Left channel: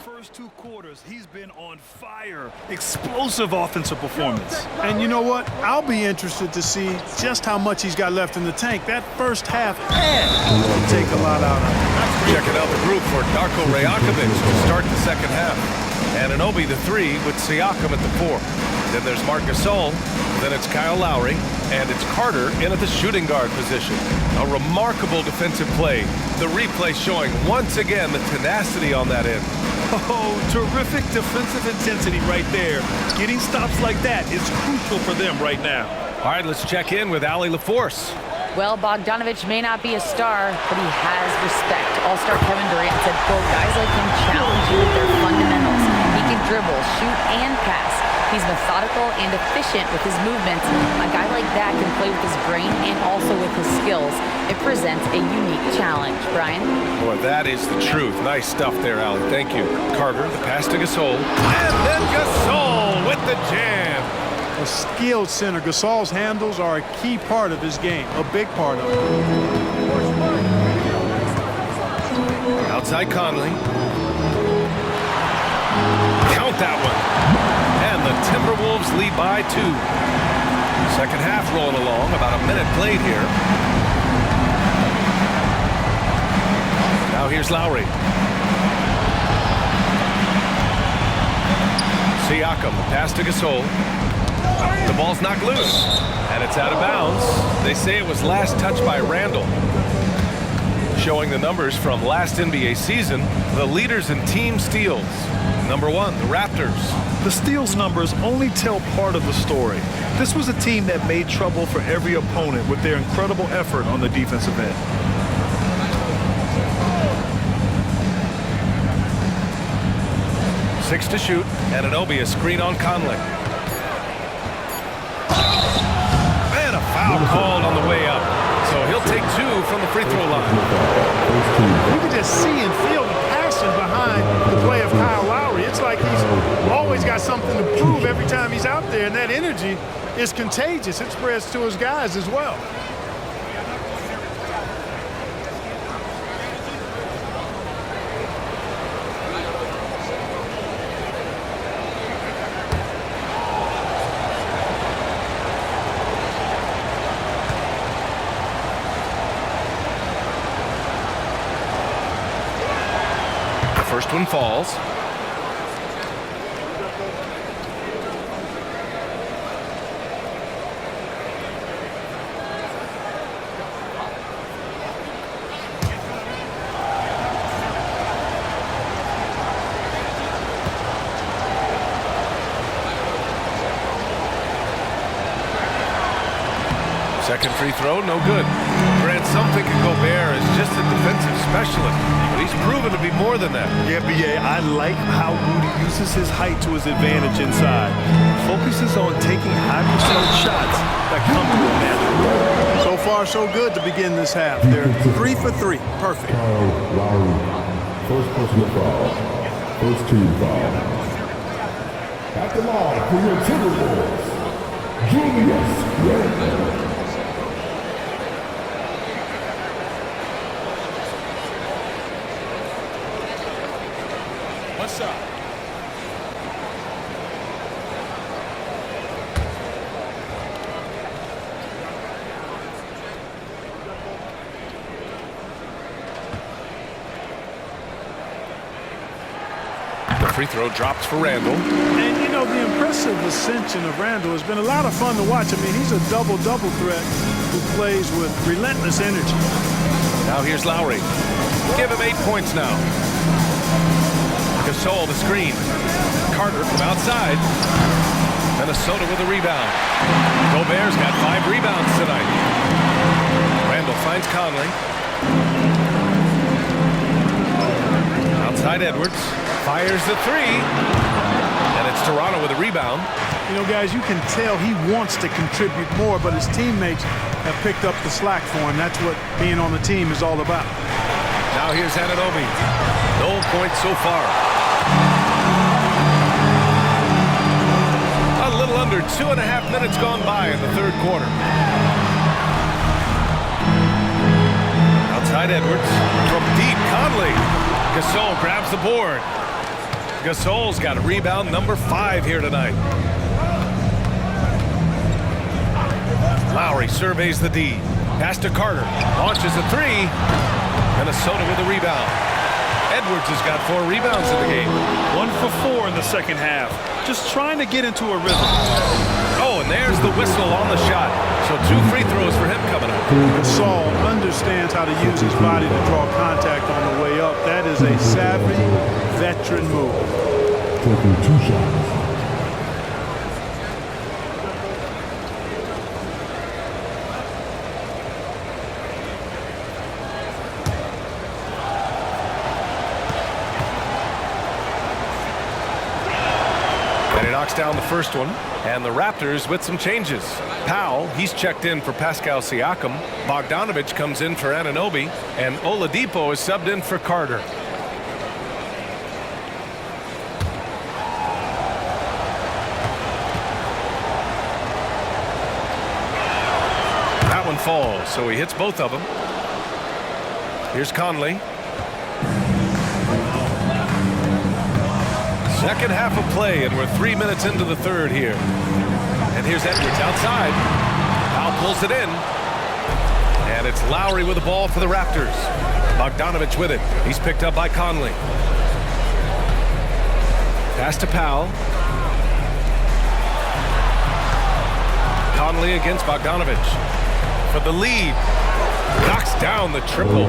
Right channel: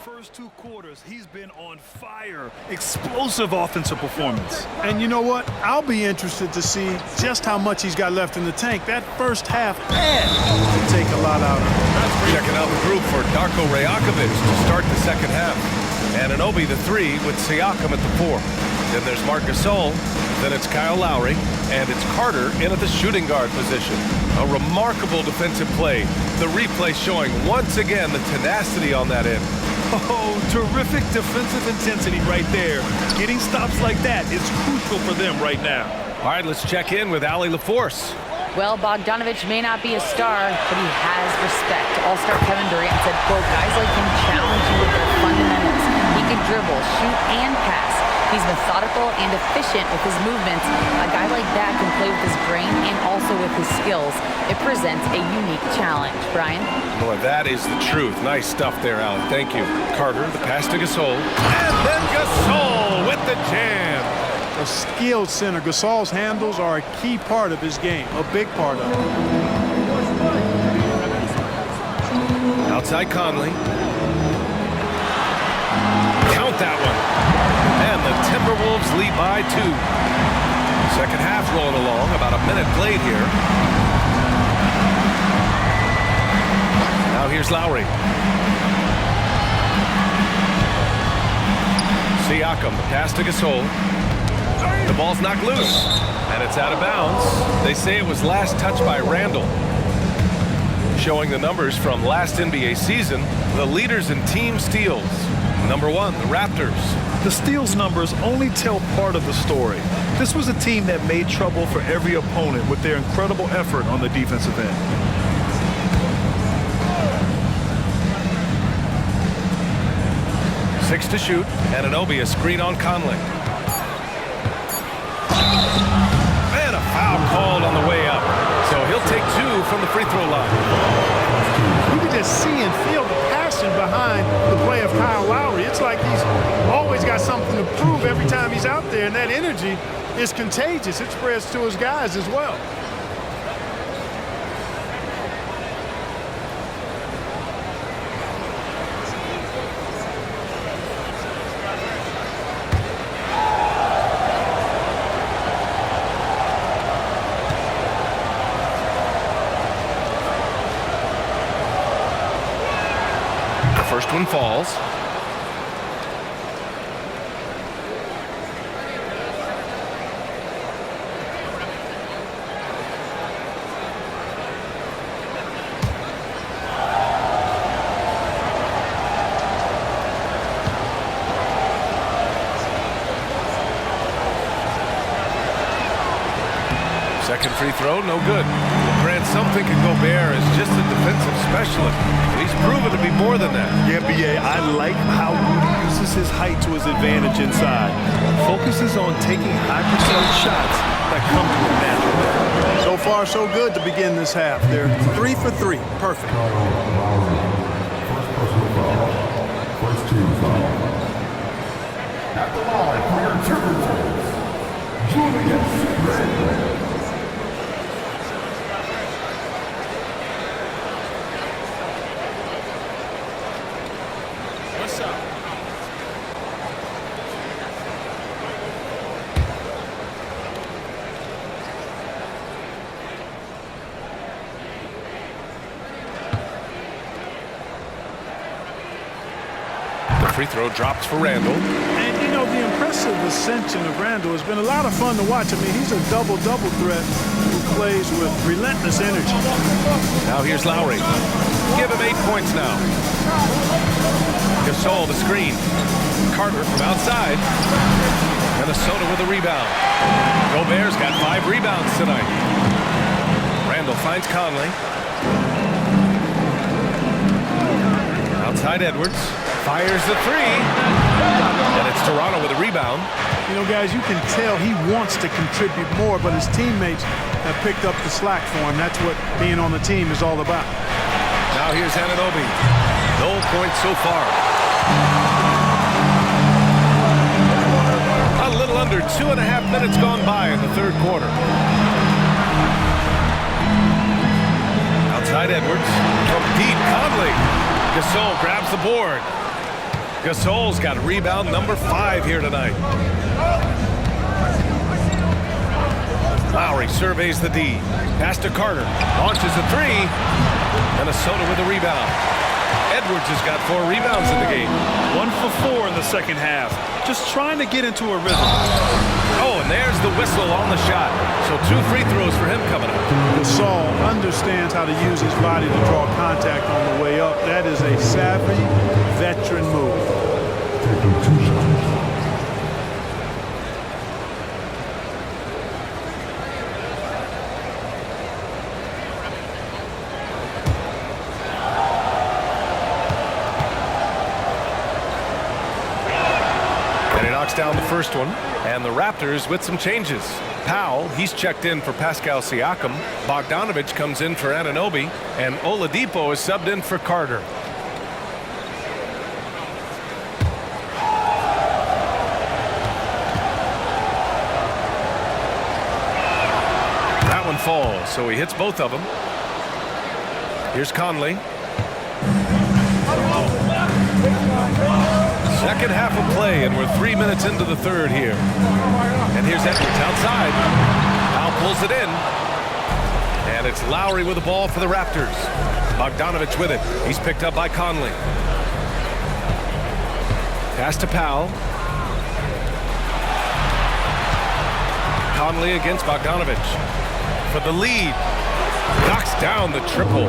First two quarters, he's been on fire. Explosive offensive performance. And you know what? I'll be interested to see just how much he's got left in the tank. That first half had to take a lot out of him. Checking out the group for Darko Rajakovic to start the second half. Anunoby the 3 with Siakam at the 4. Then there's Marc Gasol. Then it's Kyle Lowry. And it's Carter in at the shooting guard position. A remarkable defensive play. The replay showing once again the tenacity on that end. Oh, terrific defensive intensity right there. Getting stops like that is crucial for them right now. All right, let's check in with Allie LaForce. Well, Bogdanovich may not be a star, but he has respect. All-star Kevin Durant said, quote, guys like him challenge you with their fundamentals. He can dribble, shoot, and pass. He's methodical and efficient with his movements. A guy like that can play with his brain and also with his skills. It presents a unique challenge. Brian? Boy, that is the truth. Nice stuff there, Allie. Thank you. Carter, the pass to Gasol. And then Gasol with the jam. A skilled center. Gasol's handles are a key part of his game, a big part of it. Outside Conley. Count that one. And the Timberwolves lead by 2. Second half rolling along. About a minute played here. Now here's Lowry. Siakam, the pass to Gasol. The ball's knocked loose, and it's out of bounds. They say it was last touched by Randall. Showing the numbers from last NBA season, the leaders in team steals. Number 1, the Raptors. The steals numbers only tell part of the story. This was a team that made trouble for every opponent with their incredible effort on the defensive end. Six to shoot. Anunoby a screen on Conley. And a foul called on the way up. So he'll take 2 from the free throw line. You can just see and feel the passion behind the play of Kyle Lowry. It's like he's always got something to prove every time he's out there, and that energy is contagious. It spreads to his guys as well. First one falls. Second free throw, no good. Grant, some think Gobert is just a defensive specialist, but he's proven to be more than that. Yeah, B.A., I like how Rudy uses his height to his advantage inside. Focuses on taking high percentage shots that come to him naturally. So far, so good to begin this half. They're 3 for 3. Perfect. First personal foul. First team foul. At the line for your Timberwolves, Julius Randle. What's up? The free throw drops for Randall. And, you know, the impressive ascension of Randall has been a lot of fun to watch. I mean, he's a double-double threat who plays with relentless energy. Now here's Lowry. Give him 8 points now. Gasol the screen. Carter from outside. Minnesota with a rebound. Gobert's got 5 rebounds tonight. Randall finds Conley. Outside Edwards. Fires the 3. And it's Toronto with a rebound. You know, guys, you can tell he wants to contribute more, but his teammates have picked up the slack for him. That's what being on the team is all about. Now here's Anunoby. No points so far. A little under 2.5 minutes gone by in the third quarter. Outside Edwards. From deep, Conley. Gasol grabs the board. Gasol's got a rebound number 5 here tonight. Lowry surveys the D. Pass to Carter. Launches a 3. Minnesota with a rebound. Edwards has got 4 rebounds in the game. 1 for 4 in the second half. Just trying to get into a rhythm. Oh, and there's the whistle on the shot. So 2 free throws for him coming up. Gasol understands how to use his body to draw contact on the way up. That is a savvy veteran move. Taking 2 shots. And he knocks down the first one. And the Raptors with some changes. Powell, he's checked in for Pascal Siakam. Bogdanovich comes in for Anunoby. And Oladipo is subbed in for Carter. That one falls, so he hits both of them. Here's Conley. Second half of play, and we're 3 minutes into the third here. And here's Edwards outside. Powell pulls it in. And it's Lowry with the ball for the Raptors. Bogdanovich with it. He's picked up by Conley. Pass to Powell. Conley against Bogdanovich for the lead. Knocks down the triple.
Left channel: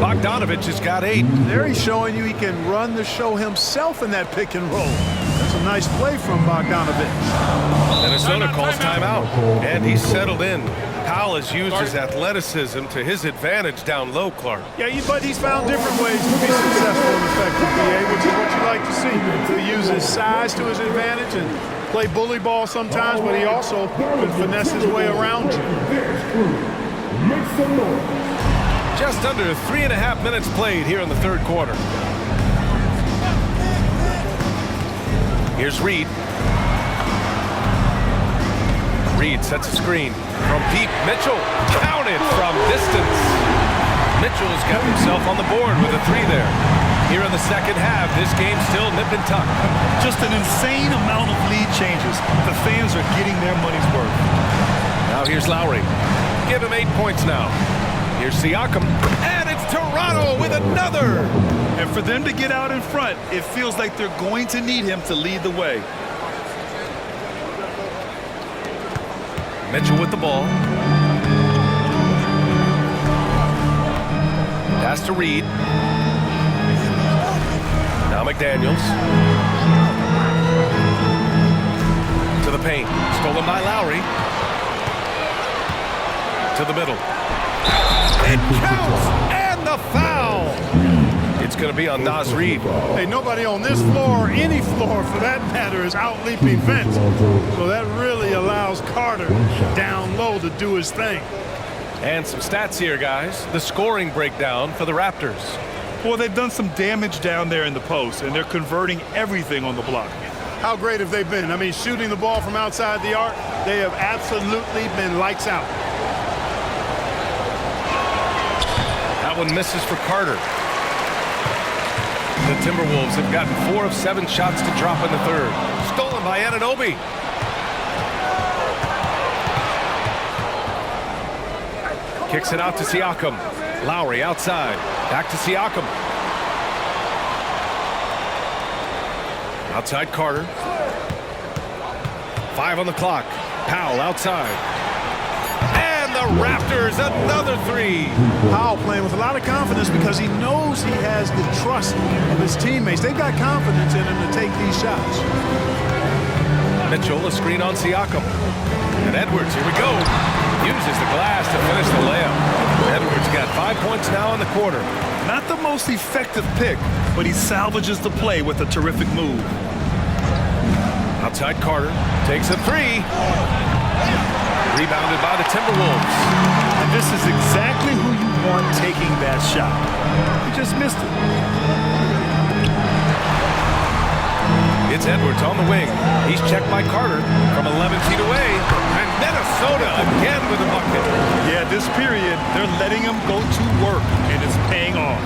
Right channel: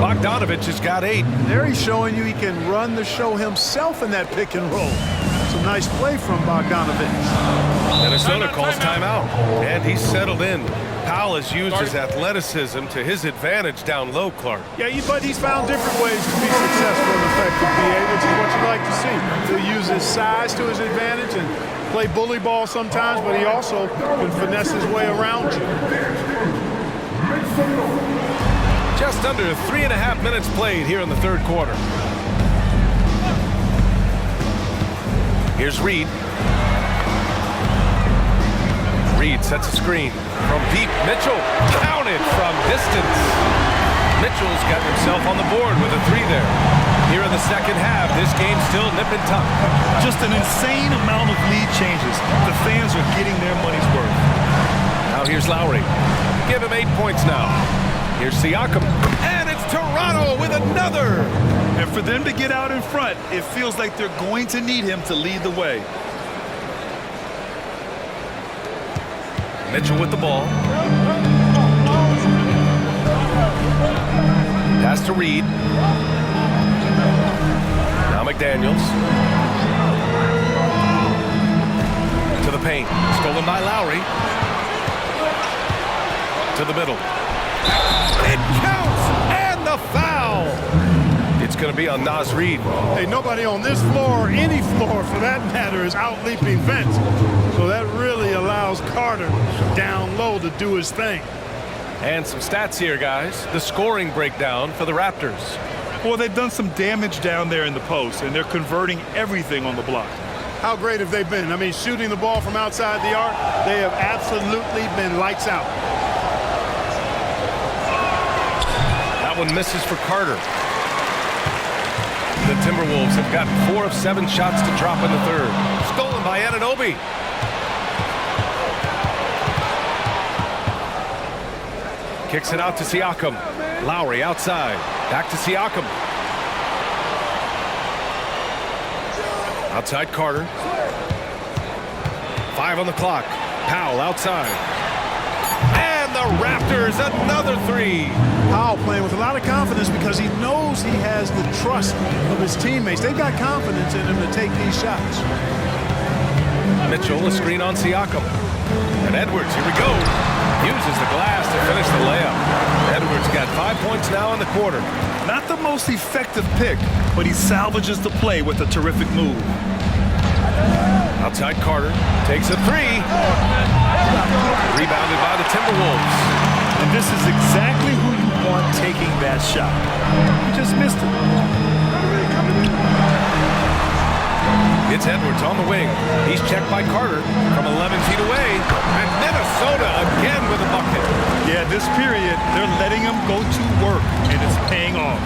Bogdanovich has got 8. There he's showing you he can run the show himself in that pick and roll. That's a nice play from Bogdanovich. Minnesota calls timeout, and he's settled in. Powell has used his athleticism to his advantage down low, Clark. Yeah, but he's found different ways to be successful and effective, BA, which is what you like to see. He'll use his size to his advantage and play bully ball sometimes, but he also can finesse his way around you. Just under 3.5 minutes played here in the third quarter. Here's Reed. Reed sets a screen from deep. Mitchell counted from distance. Mitchell's gotten himself on the board with a 3 there. Here in the second half, this game still nip and tuck. Just an insane amount of lead changes. The fans are getting their money's worth. Now here's Lowry. Give him 8 points now. Here's Siakam. And it's Toronto with another. And for them to get out in front, it feels like they're going to need him to lead the way. Mitchell with the ball. Pass to Reed. Now McDaniels. To the paint. Stolen by Lowry. To the middle. It counts! And the foul! It's going to be on Naz Reid. Hey, nobody on this floor, or any floor for that matter, is out-leaping Vince. So that really allows Carter down low to do his thing. And some stats here, guys. The scoring breakdown for the Raptors. Well, they've done some damage down there in the post, and they're converting everything on the block. How great have they been? I mean, shooting the ball from outside the arc, they have absolutely been lights out. That one misses for Carter. The Timberwolves have gotten 4 of 7 shots to drop in the third. Stolen by Anunoby. Kicks it out to Siakam. Lowry outside. Back to Siakam. Outside Carter. 5 on the clock. Powell outside. And the Raptors, another 3. Powell playing with a lot of confidence because he knows he has the trust of his teammates. They've got confidence in him to take these shots. Mitchell, a screen on Siakam. And Edwards, here we go. Uses the glass to finish the layup. Edwards got 5 points now in the quarter. Not the most effective pick, but he salvages the play with a terrific move. Outside Carter, takes a 3. Rebounded by the Timberwolves. And this is exactly who you want taking that shot. He just missed it. It's Edwards on the wing. He's checked by Carter from 11 feet away. And Minnesota again with a bucket. Yeah, this period, they're letting him go to work, and it's paying off.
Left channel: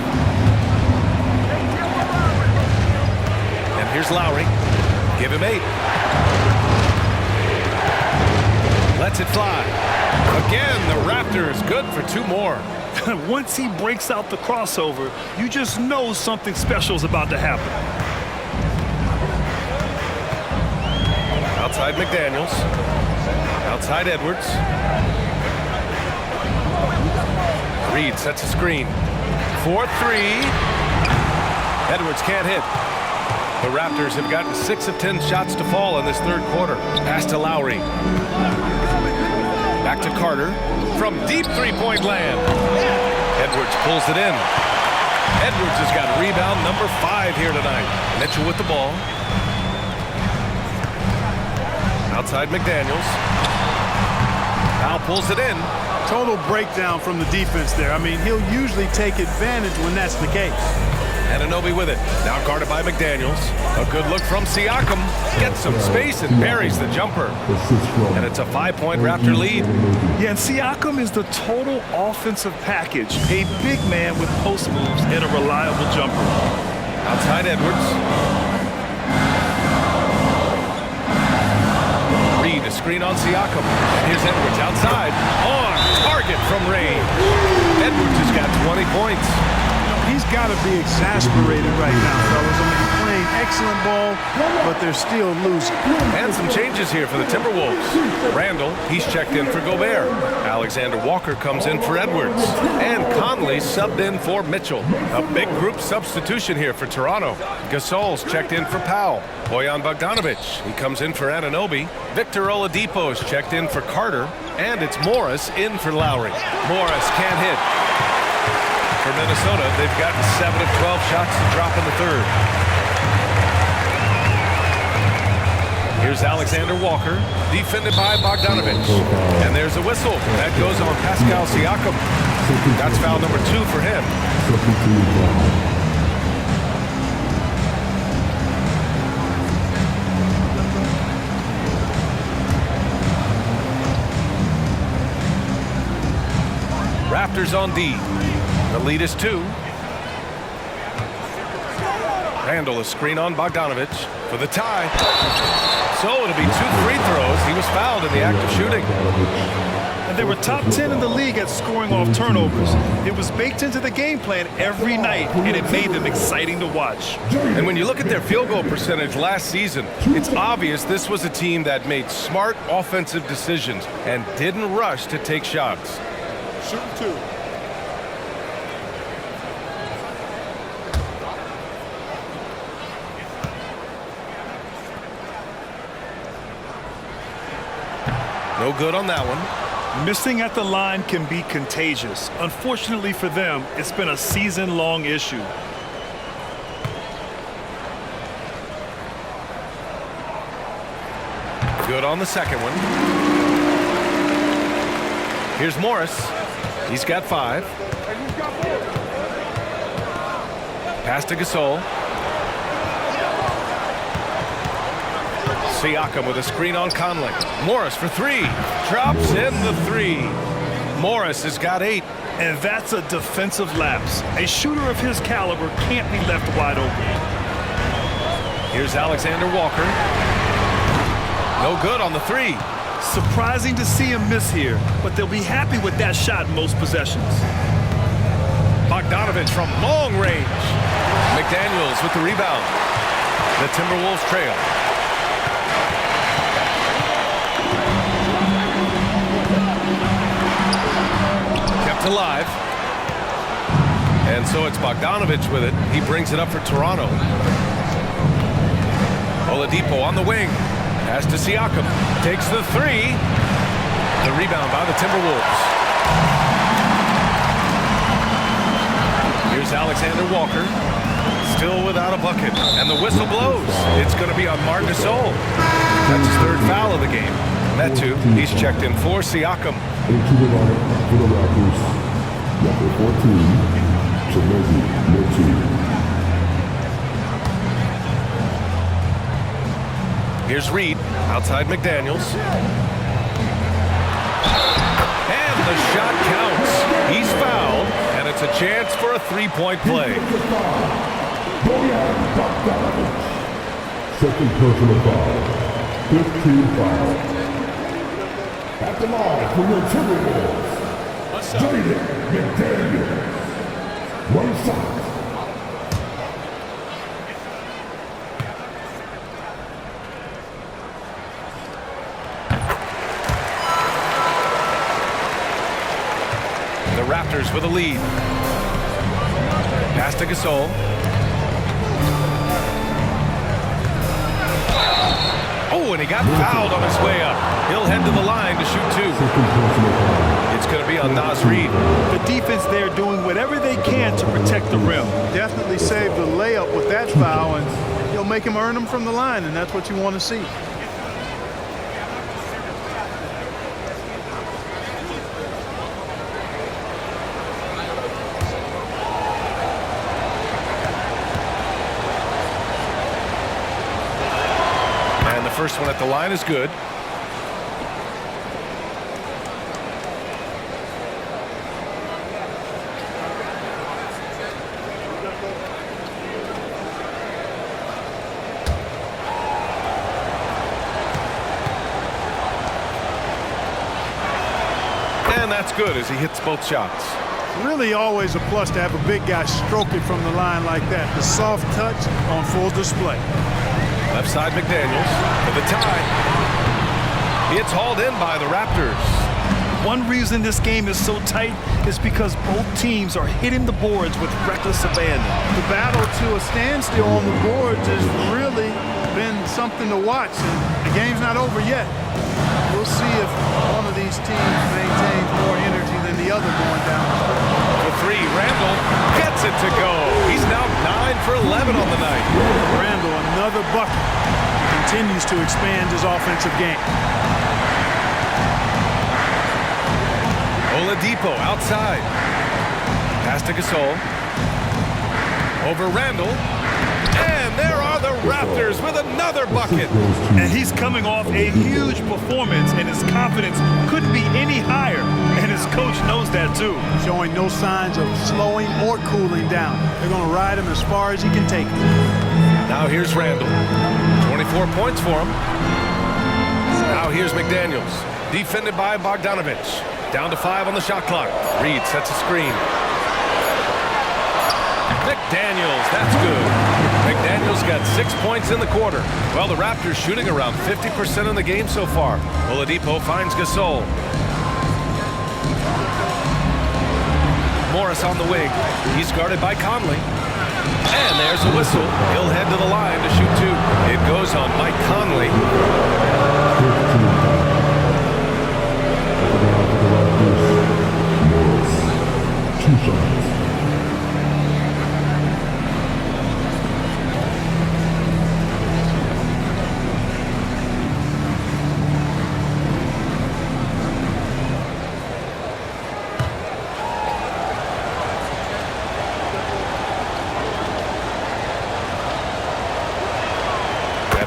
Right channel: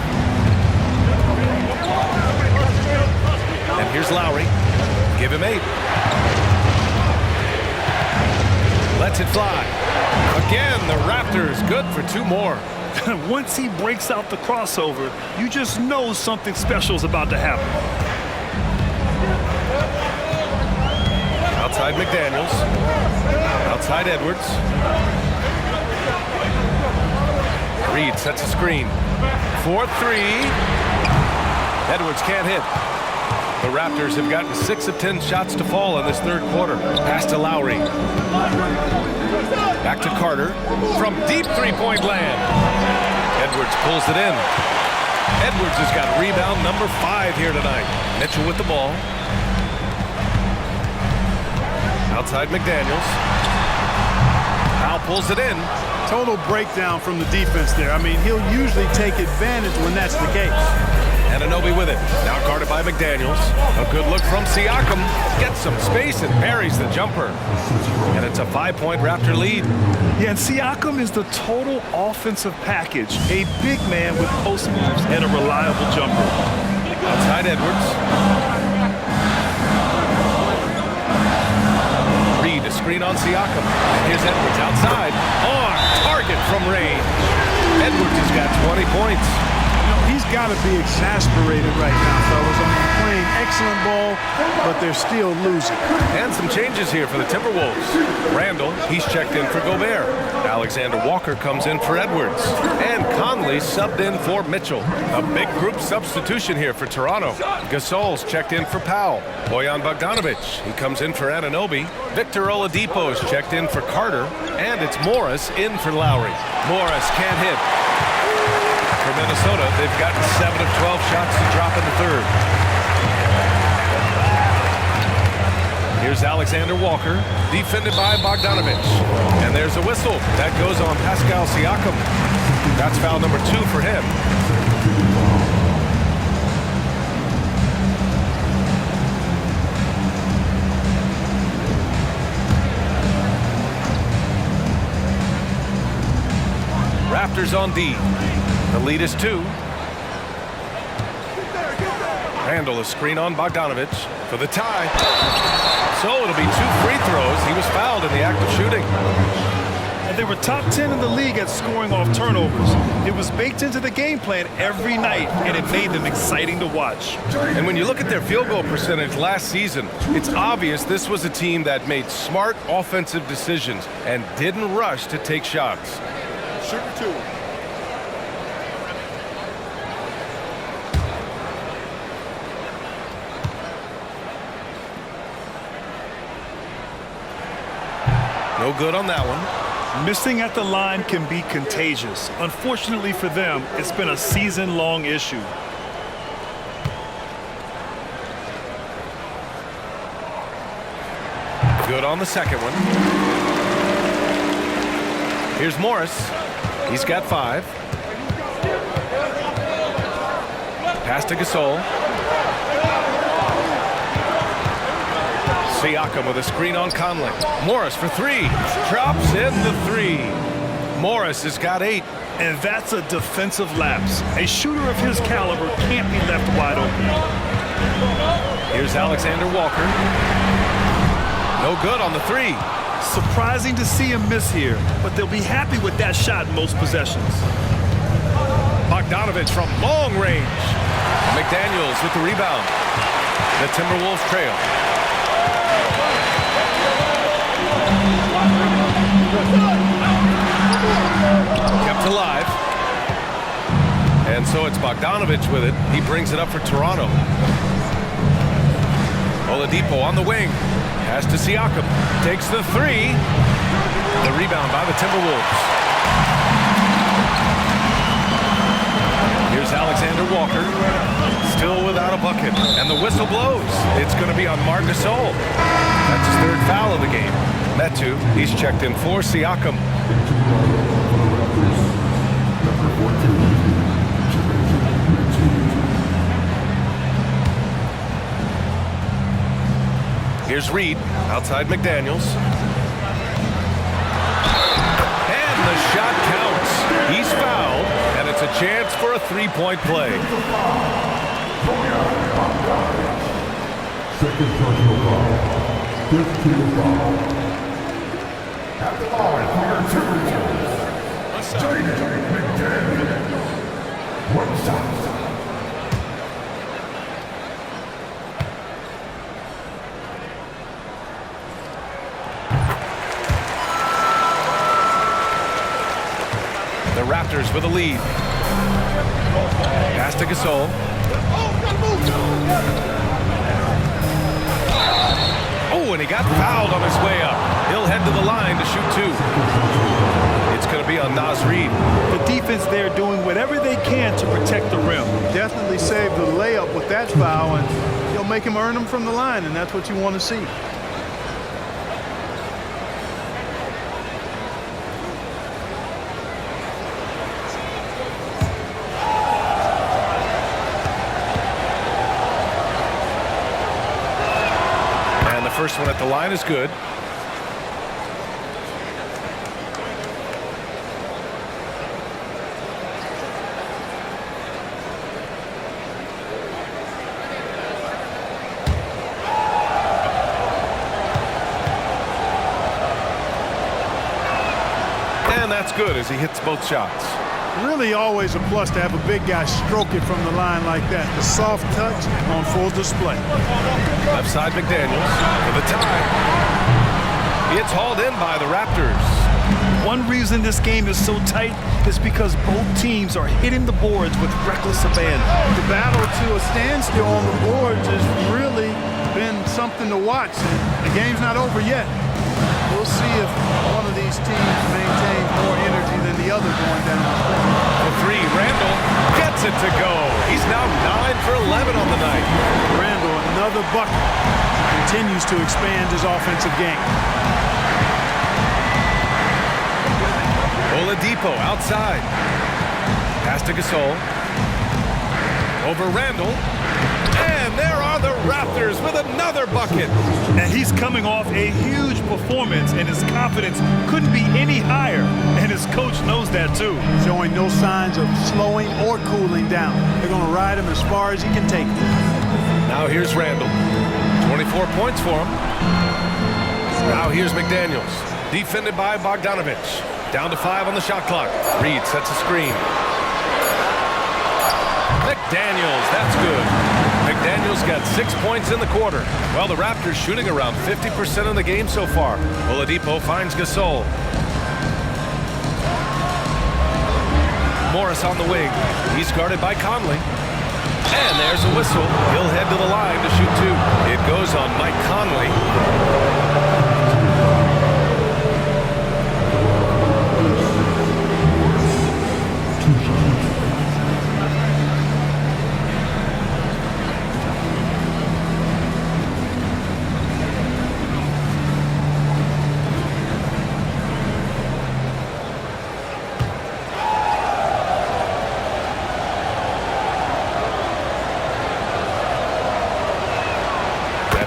And here's Lowry. Give him 8. Lets it fly. Again, the Raptors good for 2 more. Once he breaks out the crossover, you just know something special is about to happen. Outside McDaniels. Outside Edwards. Reed sets a screen. 4-3. Edwards can't hit. The Raptors have gotten 6 of 10 shots to fall in this third quarter. Pass to Lowry. Back to Carter from deep three-point land. Edwards pulls it in. Edwards has got rebound number 5 here tonight. Mitchell with the ball. Outside McDaniels. Powell pulls it in. Total breakdown from the defense there. I mean, he'll usually take advantage when that's the case. Anunoby with it. Now guarded by McDaniels. A good look from Siakam. Gets some space and buries the jumper. And it's a 5-point Raptor lead. Yeah, and Siakam is the total offensive package. A big man with post moves and a reliable jumper. Outside Edwards. Reed, a screen on Siakam. And here's Edwards outside. On target from range. Edwards has got 20 points. You know, he's got to be exasperated right now, fellas. I mean, playing excellent ball, but they're still losing. And some changes here for the Timberwolves. Randall, he's checked in for Gobert. Alexander Walker comes in for Edwards. And Conley subbed in for Mitchell. A big group substitution here for Toronto. Gasol's checked in for Powell. Bojan Bogdanovic, he comes in for Anunoby. Victor Oladipo's checked in for Carter. And it's Morris in for Lowry. Morris can't hit. For Minnesota, they've gotten 7 of 12 shots to drop in the third. Here's Alexander Walker, defended by Bogdanovic. And there's a whistle. That goes on Pascal Siakam. That's foul number 2 for him. Raptors on D. The lead is 2. Randall, a screen on Bogdanovic for the tie. So it'll be 2 free throws. He was fouled in the act of shooting. And they were top 10 in the league at scoring off turnovers. It was baked into the game plan every night, and it made them exciting to watch. And when you look at their field goal percentage last season, it's obvious this was a team that made smart offensive decisions and didn't rush to take shots. Shooting 2. No good on that one. Missing at the line can be contagious. Unfortunately for them, it's been a season-long issue. Good on the second one. Here's Morris. He's got 5. Pass to Gasol. Siakam with a screen on Conley. Morris for 3. Drops in the 3. Morris has got 8. And that's a defensive lapse. A shooter of his caliber can't be left wide open. Here's Alexander Walker. No good on the 3. Surprising to see him miss here, but they'll be happy with that shot in most possessions. Bogdanovic from long range. McDaniels with the rebound. The Timberwolves trail. Kept alive. And so it's Bogdanovic with it. He brings it up for Toronto. Oladipo on the wing. Pass to Siakam. Takes the 3. The rebound by the Timberwolves. Here's Alexander Walker. Still without a bucket. And the whistle blows. It's going to be on Marc Gasol. That's his 3rd foul of the game. Metu, he's checked in for Siakam. Into the lineup for the Raptors, number 14, Timothy Metu. Here's Reed, outside McDaniels. And the shot counts. He's fouled, and it's a chance for a 3-point play. Second personal foul. 5th team foul. At the line for your Timberwolves, Jaden McDaniel. One shot. The Raptors with a lead. Pass to Gasol. Oh, and he got fouled on his way up. He'll head to the line to shoot 2. It's going to be on Naz Reid. The defense there doing whatever they can to protect the rim. Definitely saved the layup with that foul, and he'll make him earn them from the line, and that's what you want to see. And the first one at the line is good. And that's good as he hits both shots. Really always a plus to have a big guy stroke it from the line like that. The soft touch on full display. Left side McDaniels for the tie. It's hauled in by the Raptors. One reason this game is so tight is because both teams are hitting the boards with reckless abandon. The battle to a standstill on the boards has really been something to watch, and the game's not over yet. We'll see if one of these teams maintains more energy than the other going down the stretch. For 3, Randall gets it to go. He's now 9 for 11 on the night. Randall, another bucket. He continues to expand his offensive game. Oladipo outside. Pass to Gasol. Over Randall. And there are the Raptors with another bucket. And he's coming off a huge performance, and his confidence couldn't be any higher. And his coach knows that too. Showing no signs of slowing or cooling down. They're going to ride him as far as he can take him. Now here's Randall. 24 points for him. Now here's McDaniels. Defended by Bogdanovich. Down to 5 on the shot clock. Reid sets a screen. McDaniels, that's good. McDaniels got 6 points in the quarter. Well, the Raptors shooting around 50% in the game so far. Oladipo finds Gasol. Morris on the wing. He's guarded by Conley. And there's a whistle. He'll head to the line to shoot 2. It goes on Mike Conley.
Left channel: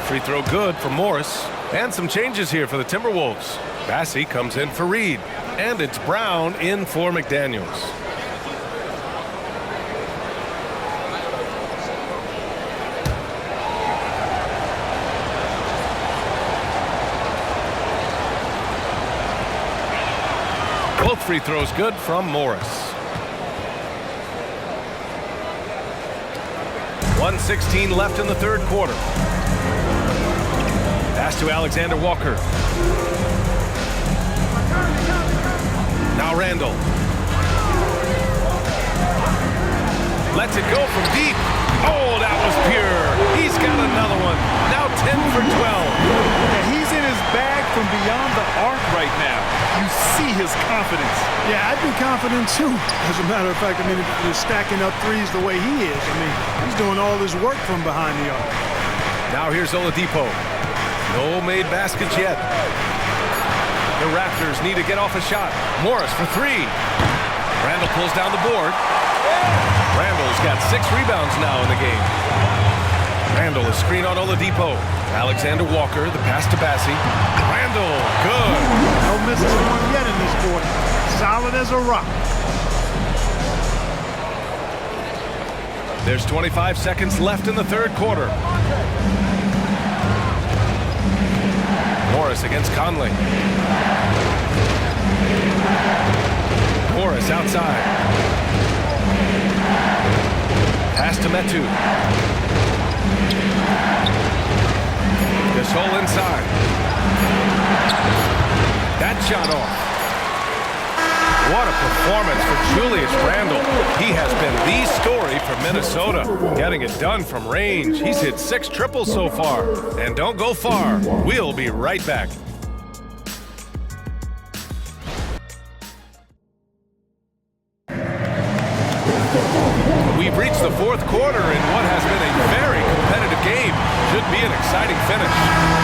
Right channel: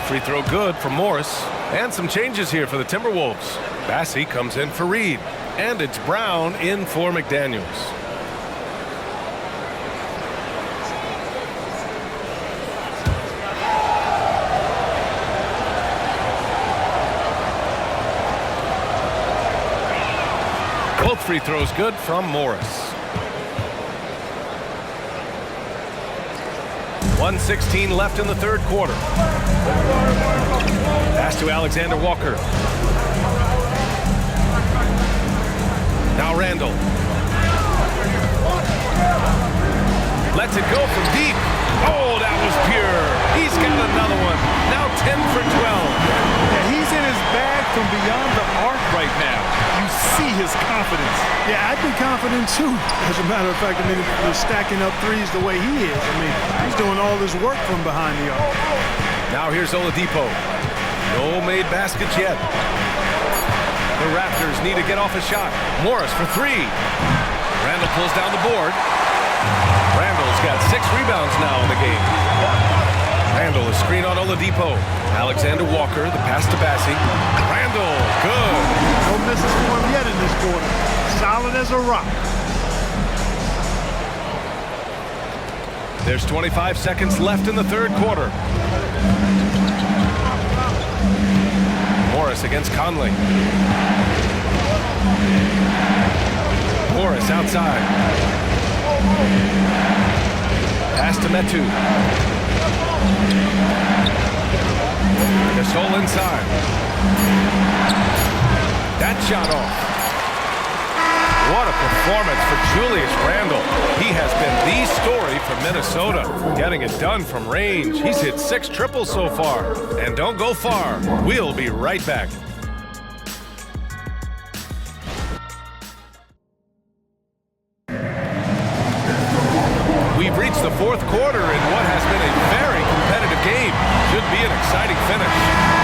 Free throw good for Morris. And some changes here for the Timberwolves. Bassey comes in for Reid. And it's Brown in for McDaniels. Both free throws good from Morris. 1:16 left in the third quarter. Pass to Alexander Walker. Now Randall. Lets it go from deep. Oh, that was pure. He's got another one. Now 10 for 12. Yeah, he's in his bag from beyond the arc right now. You see his confidence. Yeah, I'd be confident too. As a matter of fact, I mean, if you're stacking up threes the way he is, I mean, he's doing all his work from behind the arc. Now here's Oladipo. No made baskets yet. The Raptors need to get off a shot. Morris for 3. Randall pulls down the board. Randall's got 6 rebounds now in the game. Randall is screen on Oladipo. Alexander Walker, the pass to Bassey. Randall, good. No misses for him yet in this quarter. Solid as a rock. There's 25 seconds left in the third quarter. Morris against Conley. Morris outside. Pass to Metu. Gasol inside. That shot off. What a performance for Julius Randle. He has been the story for Minnesota, getting it done from range. He's hit 6 triples so far. And don't go far. We'll be right back. We've reached the fourth quarter in what has been a very competitive game. Should be an exciting finish.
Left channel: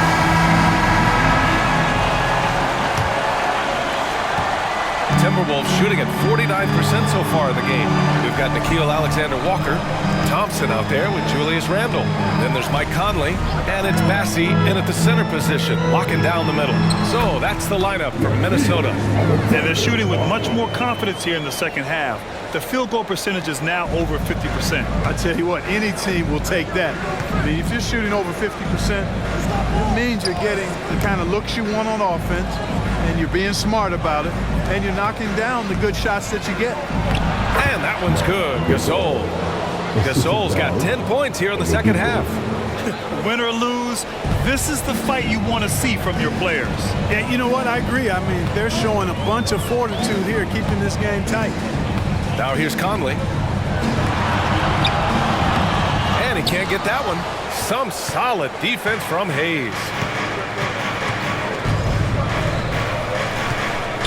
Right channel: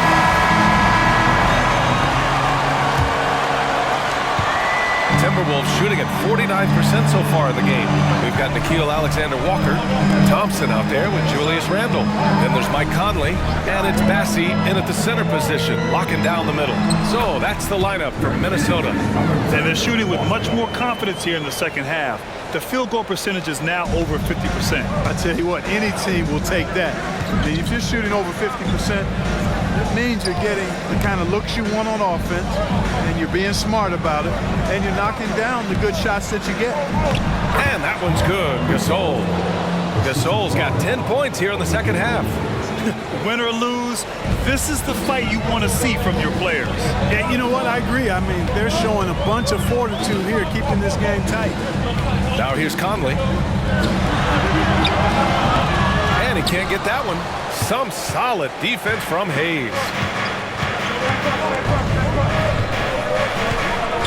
Timberwolves shooting at 49% so far in the game. We've got Nickeil Alexander-Walker, Thompson out there with Julius Randle. Then there's Mike Conley, and it's Bassey in at the center position, locking down the middle. So that's the lineup from Minnesota. And they're shooting with much more confidence here in the second half. The field goal percentage is now over 50%. I tell you what, any team will take that. I mean, if you're shooting over 50%, it means you're getting the kind of looks you want on offense, and you're being smart about it, and you're knocking down the good shots that you get. And that one's good. Gasol. Gasol's got 10 points here in the second half. Win or lose, this is the fight you want to see from your players. Yeah, you know what? I agree. I mean, they're showing a bunch of fortitude here, keeping this game tight. Now here's Conley. And he can't get that one. Some solid defense from Hayes.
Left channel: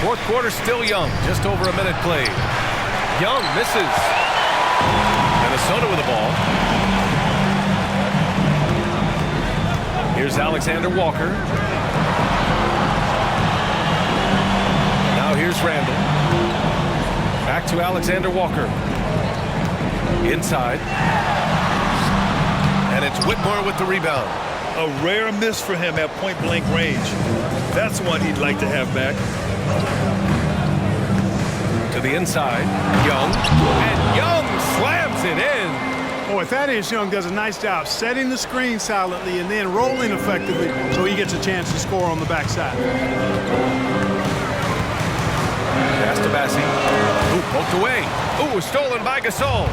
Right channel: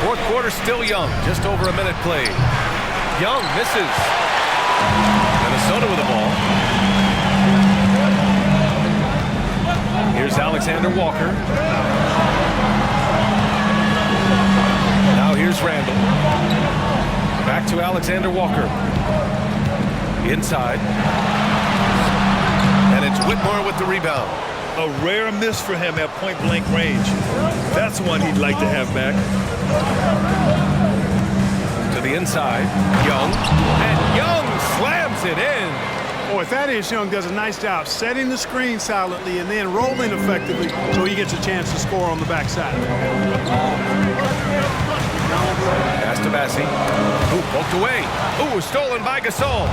Fourth quarter still young, just over a minute played. Young misses. Minnesota with the ball. Here's Alexander Walker. Now here's Randle. Back to Alexander Walker. Inside. And it's Whitmore with the rebound. A rare miss for him at point-blank range. That's one he'd like to have back. To the inside, Young. And Young slams it in. Boy, Thaddeus Young does a nice job setting the screen silently and then rolling effectively so he gets a chance to score on the backside. Pass to Bassey. Ooh, poked away. Ooh, stolen by Gasol.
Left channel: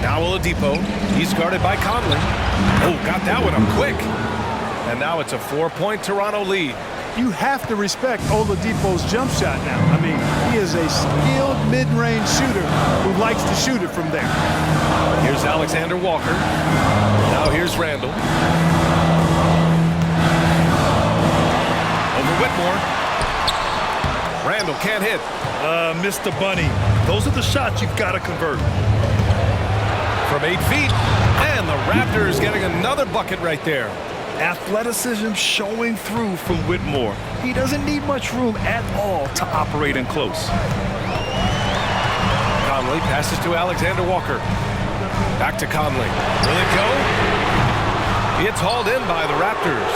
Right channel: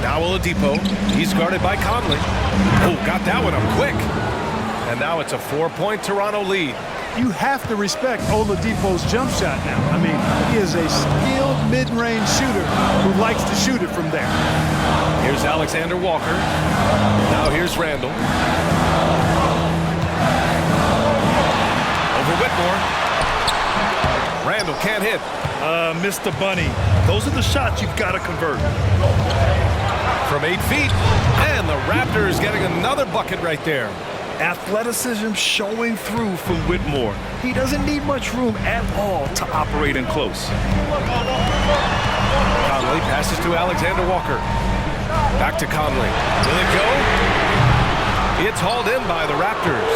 Now Oladipo. He's guarded by Conley. Oh, got that one up quick. And now it's a 4-point Toronto lead. You have to respect Oladipo's jump shot now. I mean, he is a skilled mid-range shooter who likes to shoot it from there. Here's Alexander Walker. Now here's Randle. Over Whitmore. Randle can't hit. Mr. Bunny, those are the shots you've got to convert. From 8 feet. And the Raptors getting another bucket right there. Athleticism showing through from Whitmore. He doesn't need much room at all to operate in close. Conley passes to Alexander Walker. Back to Conley. Will it go? It's hauled in by the Raptors.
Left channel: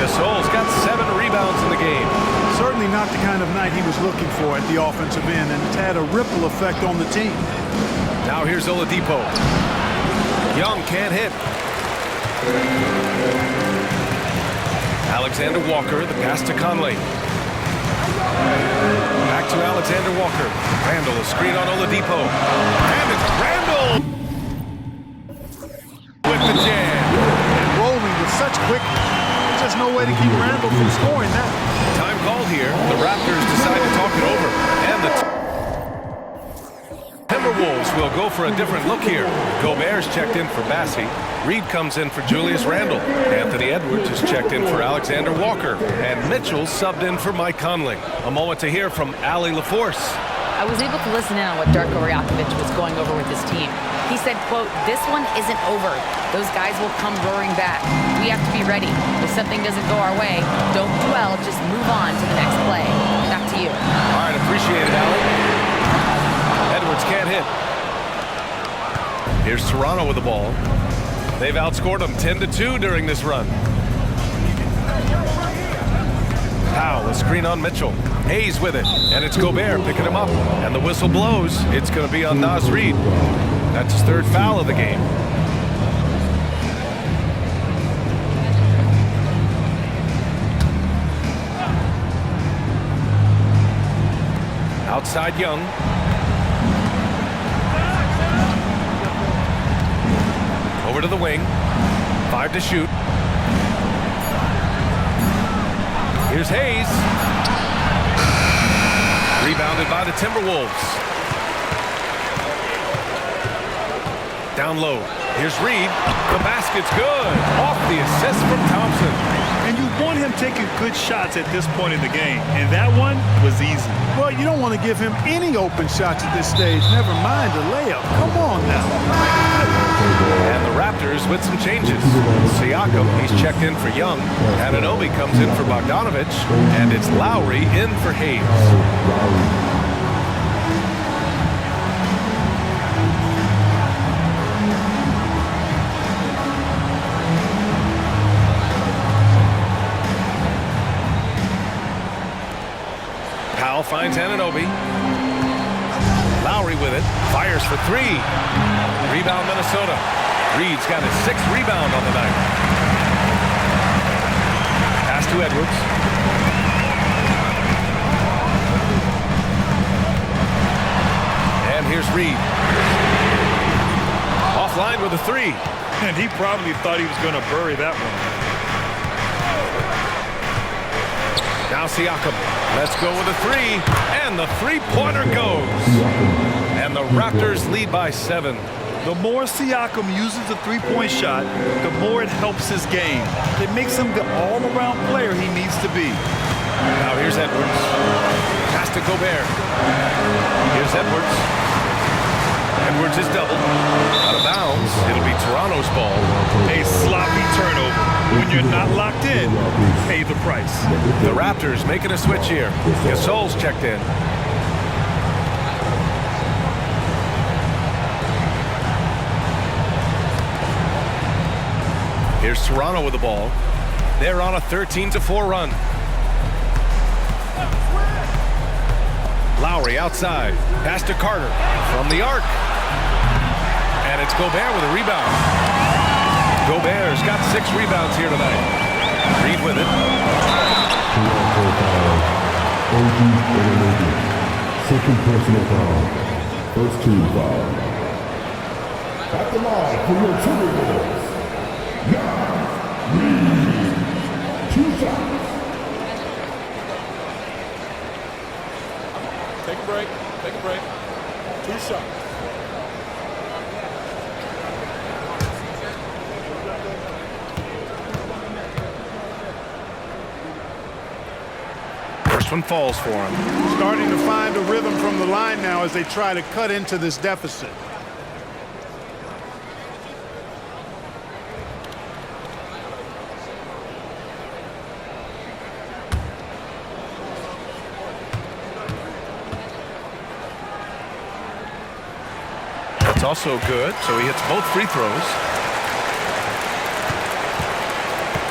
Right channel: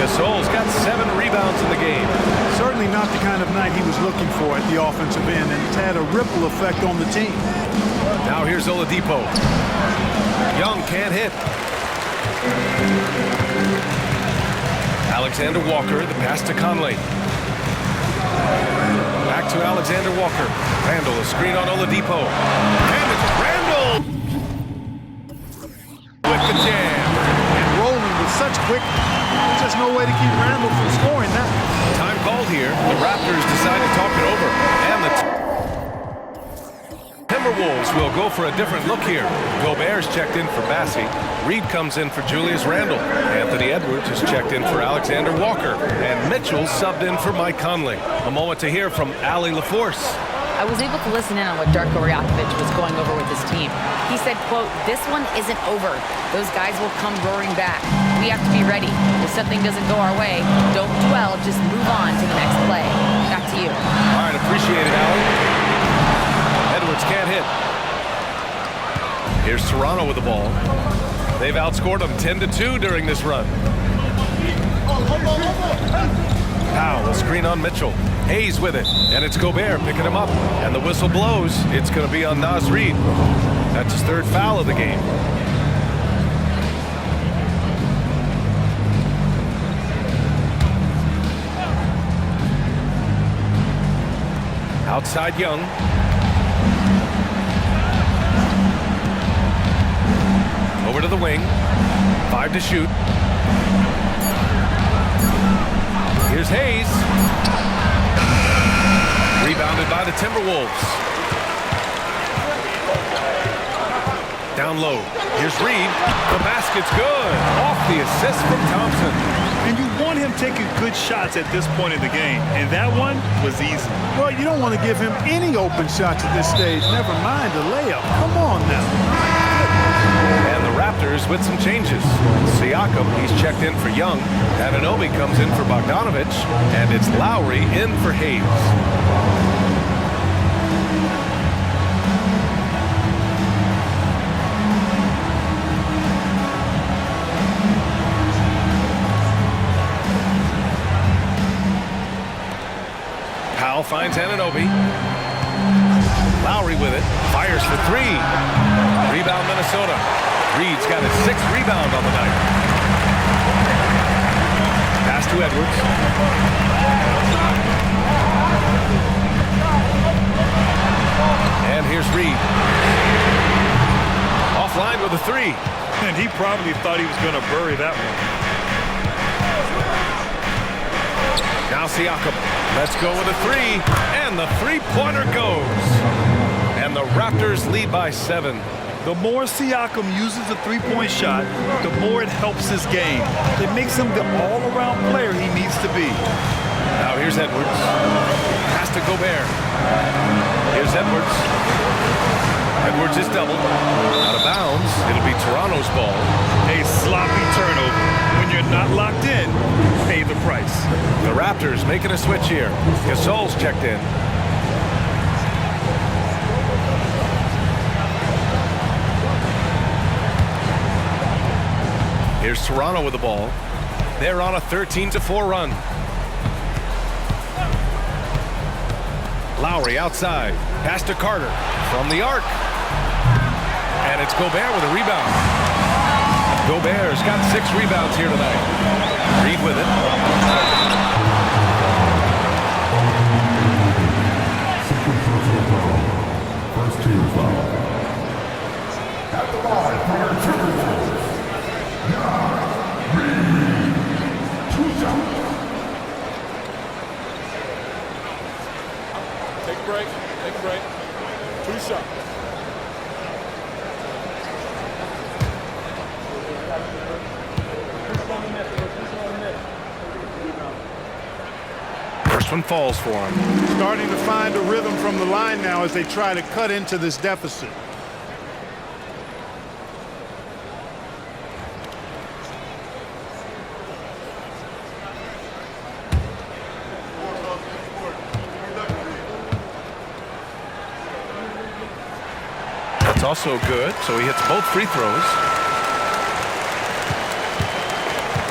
Gasol's got 7 rebounds in the game. Certainly not the kind of night he was looking for at the offensive end, and it's had a ripple effect on the team. Now here's Oladipo. Young can't hit. Alexander Walker, the pass to Conley. Back to Alexander Walker. Randle, a screen on Oladipo. And it's Randle with the jam. And rolling with such quickness. There's just no way to keep Randle from scoring that. Time called here. The Raptors decide to talk it over. And the Timberwolves will go for a different look here. Gobert's checked in for Bassey. Reed comes in for Julius Randle. Anthony Edwards is checked in for Alexander Walker. And Mitchell subbed in for Mike Conley. A moment to hear from Allie LaForce. I was able to listen in on what Darko Rajakovic was going over with his team. He said, quote, "This one isn't over. Those guys will come roaring back. We have to be ready. If something doesn't go our way, don't dwell, just move on to the next play." Back to you. All right, appreciate it, Allie. Edwards can't hit. Here's Toronto with the ball. They've outscored them 10-2 during this run. Powell, a screen on Mitchell. Hayes with it, and it's Gobert picking him up. And the whistle blows. It's going to be on Naz Reid. That's his 3rd foul of the game. Outside Young. Over to the wing. 5 to shoot. Here's Hayes. Rebounded by the Timberwolves. Down low. Here's Reed. The basket's good. Off the assist from Thompson. And you want him taking good shots at this point in the game. And that one was easy. Well, you don't want to give him any open shots at this stage. Never mind a layup. Come on now. And the Raptors with some changes. Siakam, he's checked in for Young. Anunoby comes in for Bogdanovich. And it's Lowry in for Hayes. Powell finds Anunoby. Lowry with it. Fires for 3. Rebound Minnesota. Reed's got his 6th rebound on the night. Pass to Edwards. And here's Reed. Offline with a 3. And he probably thought he was going to bury that one. Now Siakam. Let's go with a 3. And the three-pointer goes. And the Raptors lead by 7. The more Siakam uses the three-point shot, the more it helps his game. It makes him the all-around player he needs to be. Now here's Edwards. Pass to Gobert. Here's Edwards. Edwards is doubled. Out of bounds. It'll be Toronto's ball. A sloppy turnover. When you're not locked in, pay the price. The Raptors making a switch here. Gasol's checked in. Here's Toronto with the ball. They're on a 13-4 run. Lowry outside. Pass to Carter from the arc. And it's Gobert with a rebound. Gobert's got 6 rebounds here tonight. Reed with it. Second personal foul. First team foul. At the line for your Timberwolves. Reed. 2 shots. Take a break. Take a break. 2 shots. First one falls for him. Starting to find a rhythm from the line now as they try to cut into this deficit. That's also good, so he hits both free throws.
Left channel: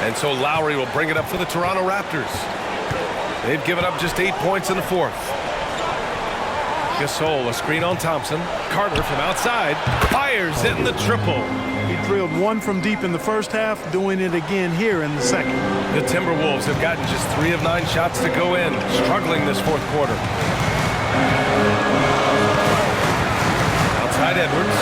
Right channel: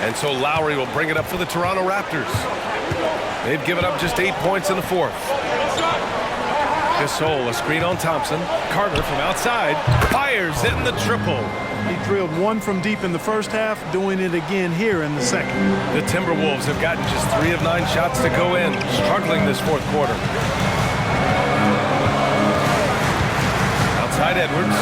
And so Lowry will bring it up for the Toronto Raptors. They've given up just 8 points in the 4th. Gasol, a screen on Thompson. Carter from outside fires in the triple. He drilled 1 from deep in the first half, doing it again here in the second. The Timberwolves have gotten just 3 of 9 shots to go in, struggling this 4th quarter. Outside Edwards.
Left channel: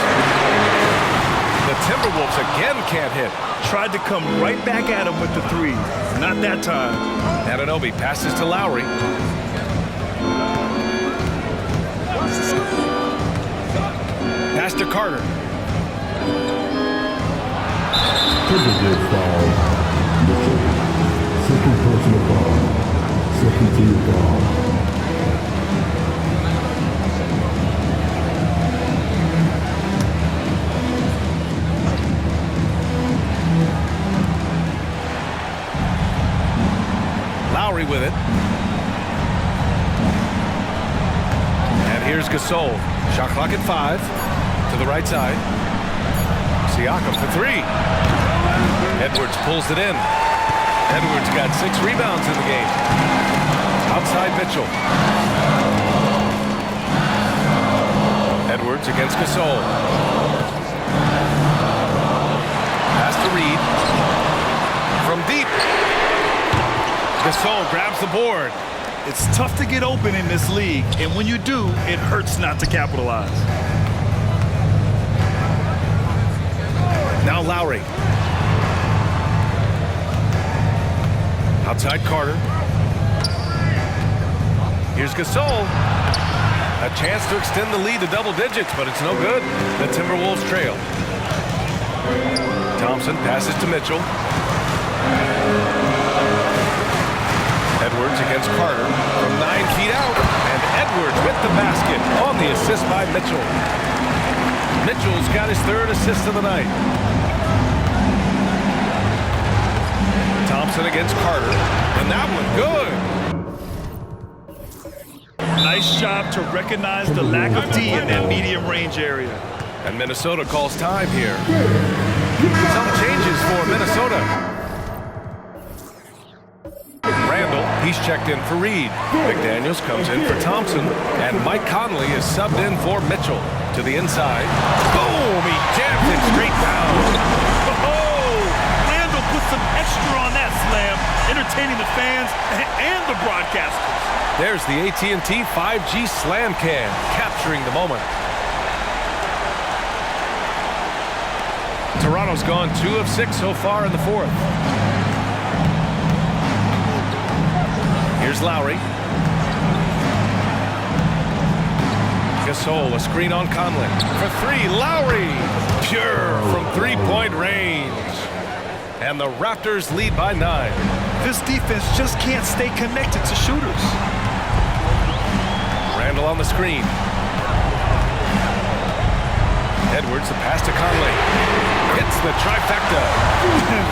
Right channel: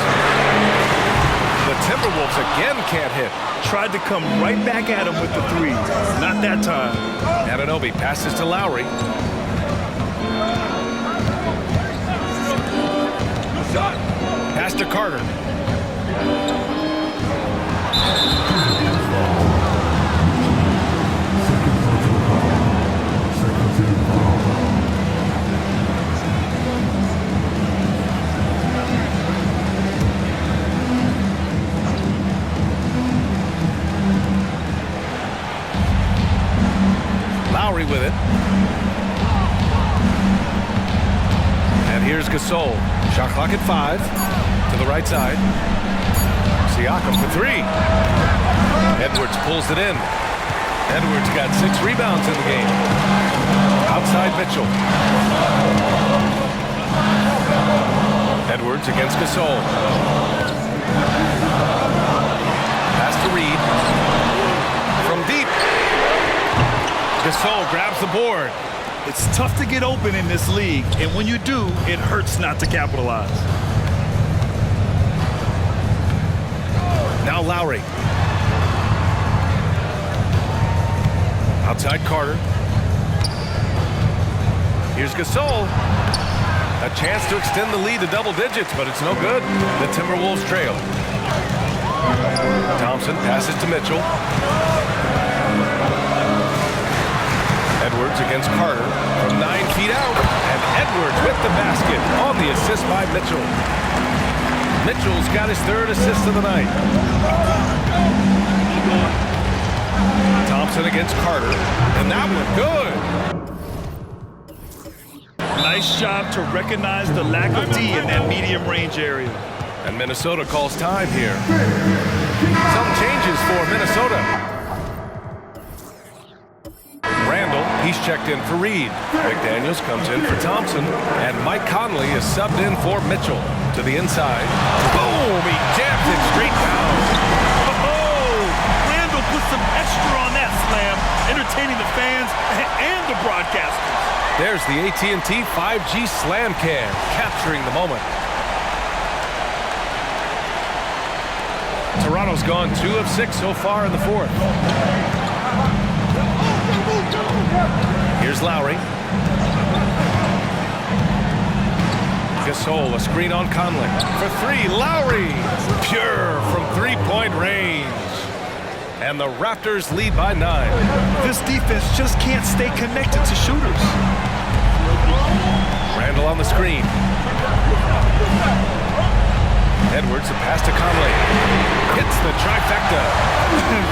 The Timberwolves again can't hit. Tried to come right back at him with the 3s. Not that time. Anunoby passes to Lowry. Pass to Carter. Timberwolves foul. Mitchell. Second personal foul. Second team foul. Lowry with it. And here's Gasol. Shot clock at 5. To the right side. Siakam for 3. Edwards pulls it in. Edwards got 6 rebounds in the game. Outside Mitchell. Edwards against Gasol. Pass to Reed. From deep. Gasol grabs the board. It's tough to get open in this league, and when you do, it hurts not to capitalize. Now Lowry. Outside Carter. Here's Gasol. A chance to extend the lead to double digits, but it's no good. The Timberwolves trail. Thompson passes to Mitchell. Edwards against Carter from 9 feet out. And Edwards with the basket on the assist by Mitchell. Mitchell's got his third assist of the night. Thompson against Carter. And that one good. Nice job to recognize the lack of D in that medium range area. And Minnesota calls time here. Some changes for Minnesota. Randall, he's checked in for Reed. McDaniels comes in for Thompson. And Mike Conley is subbed in for Mitchell. To the inside. Boom! He jams it straight down. Oh! Randall put some extra on that slam, entertaining the fans and the broadcasters. There's the AT&T 5G Slam Cam, capturing the moment. Toronto's gone 2 of 6 so far in the fourth. Here's Lowry. Gasol, a screen on Conley. For 3, Lowry. Pure from 3-point range. And the Raptors lead by 9. This defense just can't stay connected to shooters. Randall on the screen. Edwards, the pass to Conley. Hits the trifecta.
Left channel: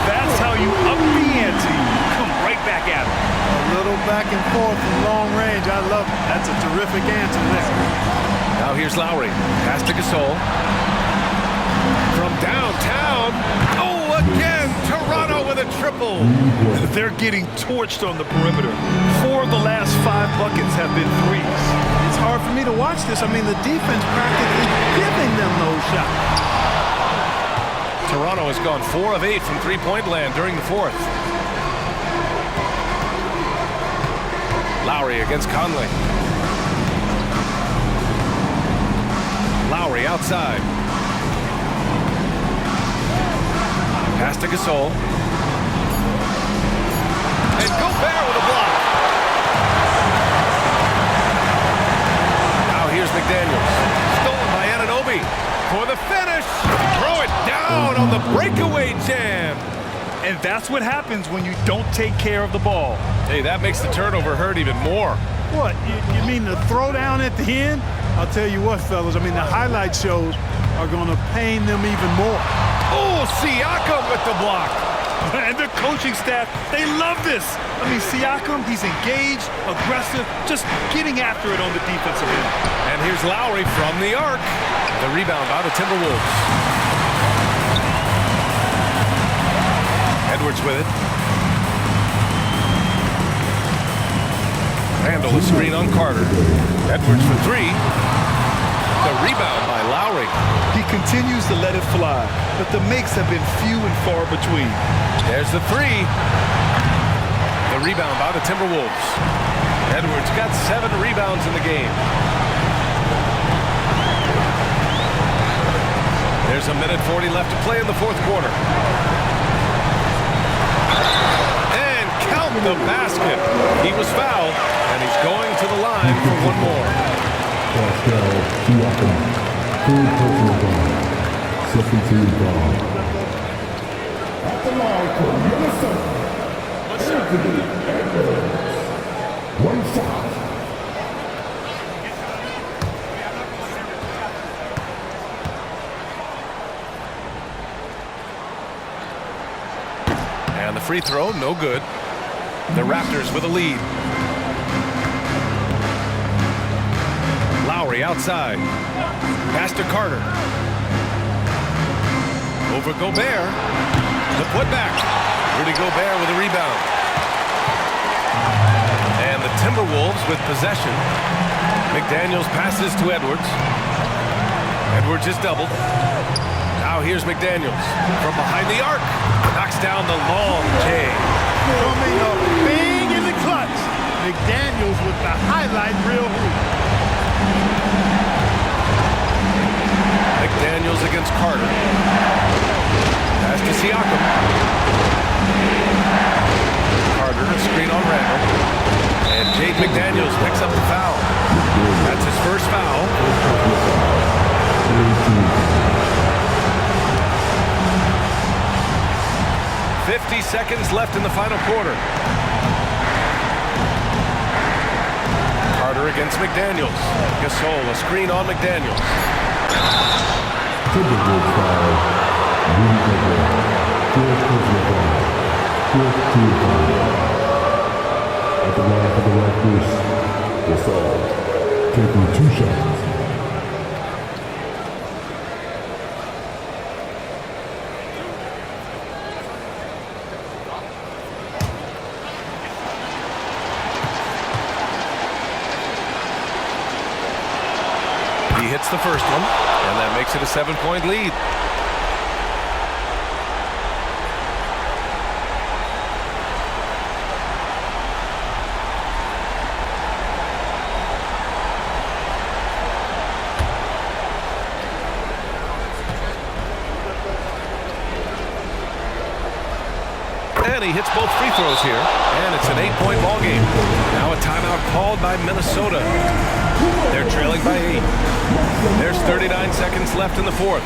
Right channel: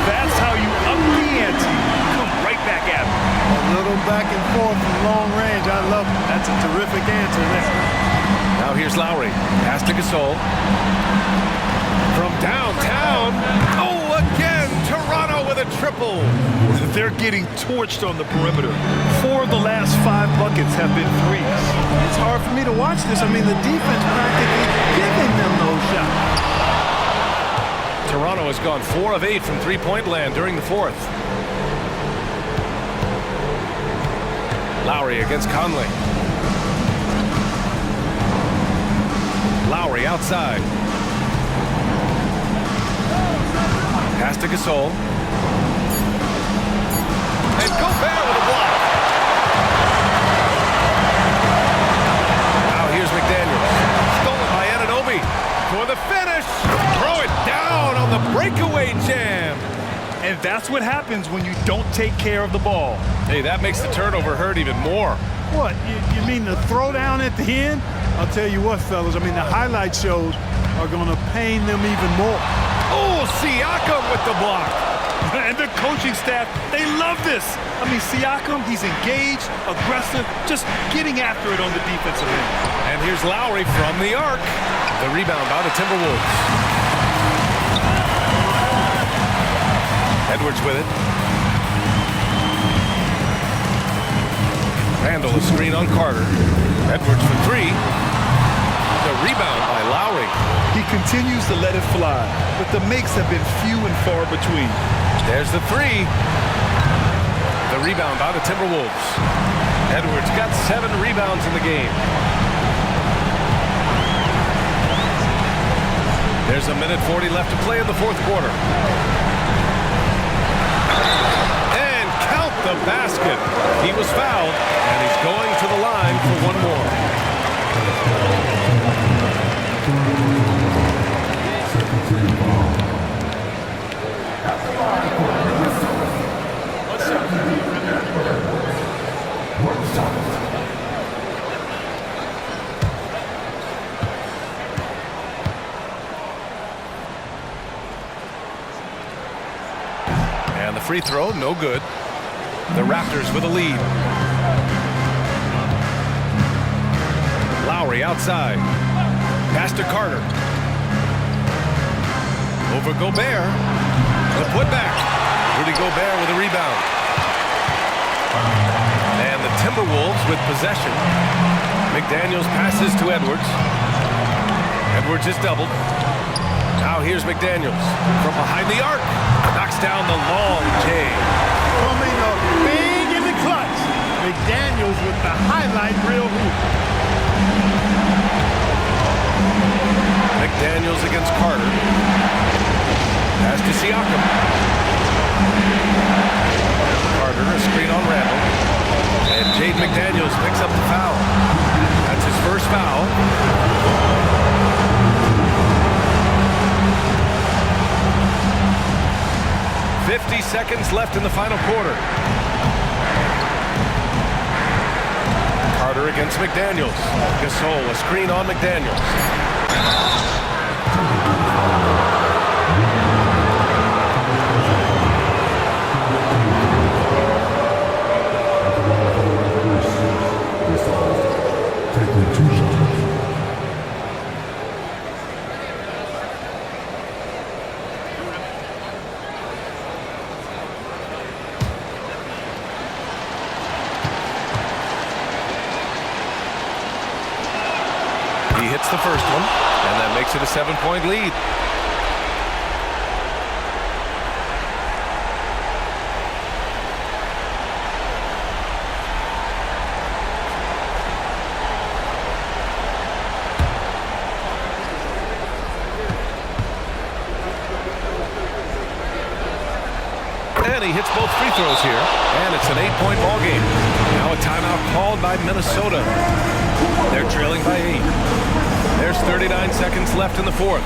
That's how you up the ante. Come right back at him. A little back and forth from long range. I love it. That's a terrific answer there. Now here's Lowry. Pass to Gasol. From downtown. Oh, again. Toronto with a triple. They're getting torched on the perimeter. 4 of the last 5 buckets have been threes. It's hard for me to watch this. I mean, the defense practically giving them those shots. Toronto has gone 4 of 8 from three-point land during the fourth. Lowry against Conley. Lowry outside. Pass to Gasol. And Gobert with a block. Now here's McDaniels. Stolen by Anunoby for the finish. Throw it down on the breakaway jam. And that's what happens when you don't take care of the ball. Hey, that makes the turnover hurt even more. What, you mean the throwdown at the end? I'll tell you what, fellas, I mean, the highlight shows are going to pain them even more. Oh, Siakam with the block. And the coaching staff, they love this. I mean, Siakam, he's engaged, aggressive, just getting after it on the defensive end. And here's Lowry from the arc. The rebound by the Timberwolves. Edwards with it. Randall, a screen on Carter. Edwards for 3. The rebound by Lowry. He continues to let it fly, but the makes have been few and far between. There's the 3. The rebound by the Timberwolves. Edwards got 7 rebounds in the game. There's a minute 40 left to play in the fourth quarter. And count the basket. He was fouled, and he's going to the line for one more. Siakam, third personal foul. Second team foul. At the line for Minnesota. One shot. One shot. And the free throw, no good. The Raptors with a lead. Lowry outside. Pass to Carter. Over Gobert. The putback. Rudy Gobert with a rebound. And the Timberwolves with possession. McDaniels passes to Edwards. Edwards is doubled. Now here's McDaniels from behind the arc. Knocks down the long J. Coming up big in the clutch. McDaniels with the highlight reel hoop. McDaniels against Carter. Pass to Siakam. Carter, a screen on Randall. And Jaden McDaniels picks up the foul. That's his first foul. "50 seconds left in the final quarter." Carter against McDaniels. Gasol, a screen on McDaniels. Timberwolves foul. Rudy Gobert. Fourth personal foul. Fourth team foul. At the line for the Raptors, Gasol taking 2 shots. He hits the first one, and that makes it a 7-point lead. And he hits both free throws here, and it's an 8-point ball game. Now a timeout called by Minnesota. They're trailing by 8. There's 39 seconds left in the fourth.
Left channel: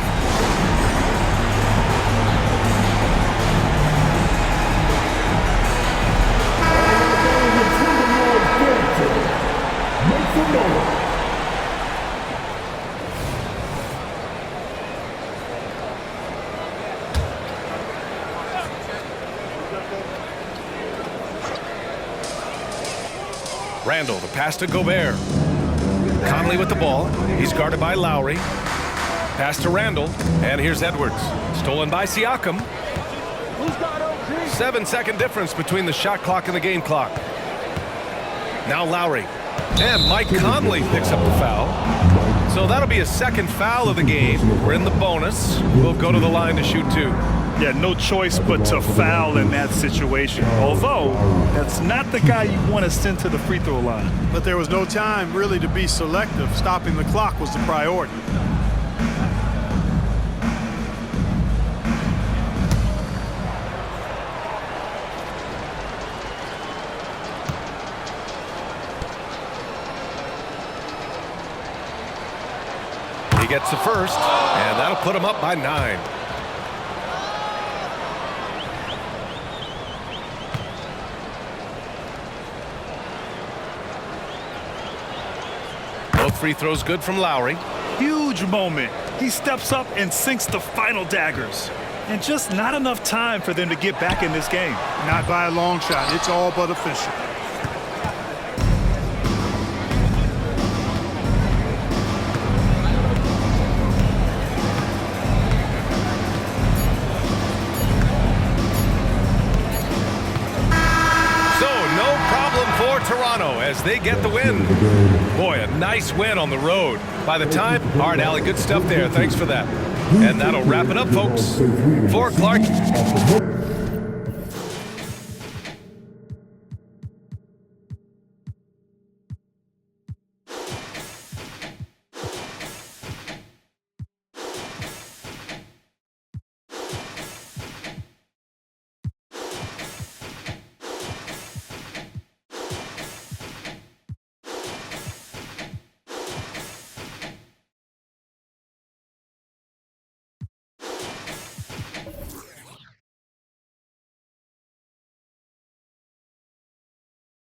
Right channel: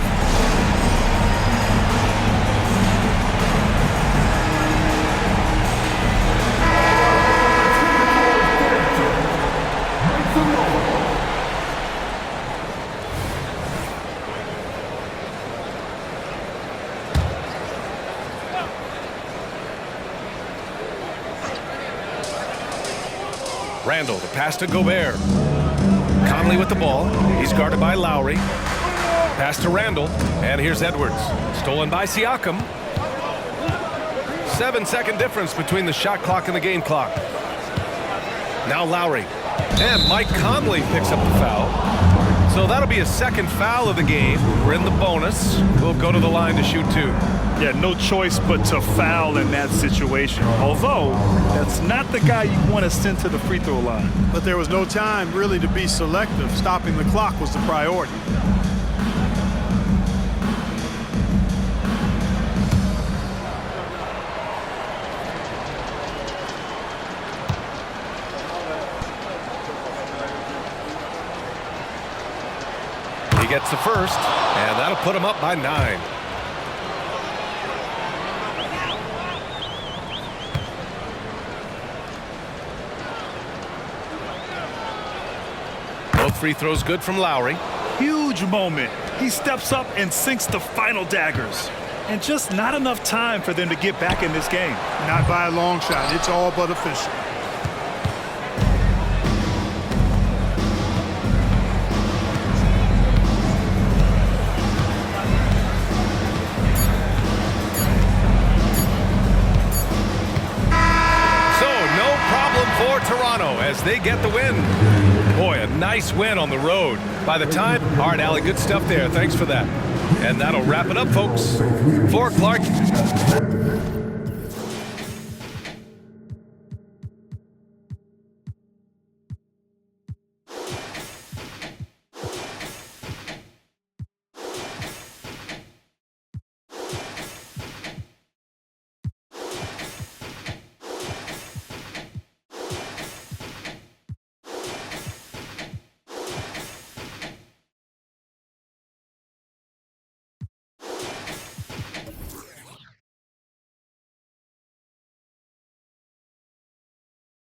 Randall, the pass to Gobert. Conley with the ball. He's guarded by Lowry. Pass to Randall. And here's Edwards. Stolen by Siakam. 7-second difference between the shot clock and the game clock. Now Lowry. And Mike Conley picks up the foul. So that'll be a second foul of the game. We're in the bonus. We'll go to the line to shoot 2. Yeah, no choice but to foul in that situation. Although, that's not the guy you want to send to the free throw line. But there was no time really to be selective. Stopping the clock was the priority. He gets the first, and that'll put him up by 9. Both free throws good from Lowry. Huge moment. He steps up and sinks the final daggers. And just not enough time for them to get back in this game. Not by a long shot. It's all but official. No problem for Toronto as they get the win. Boy, a nice win on the road. By the time, all right, Allie, good stuff there. Thanks for that. And that'll wrap it up, folks. For Clark.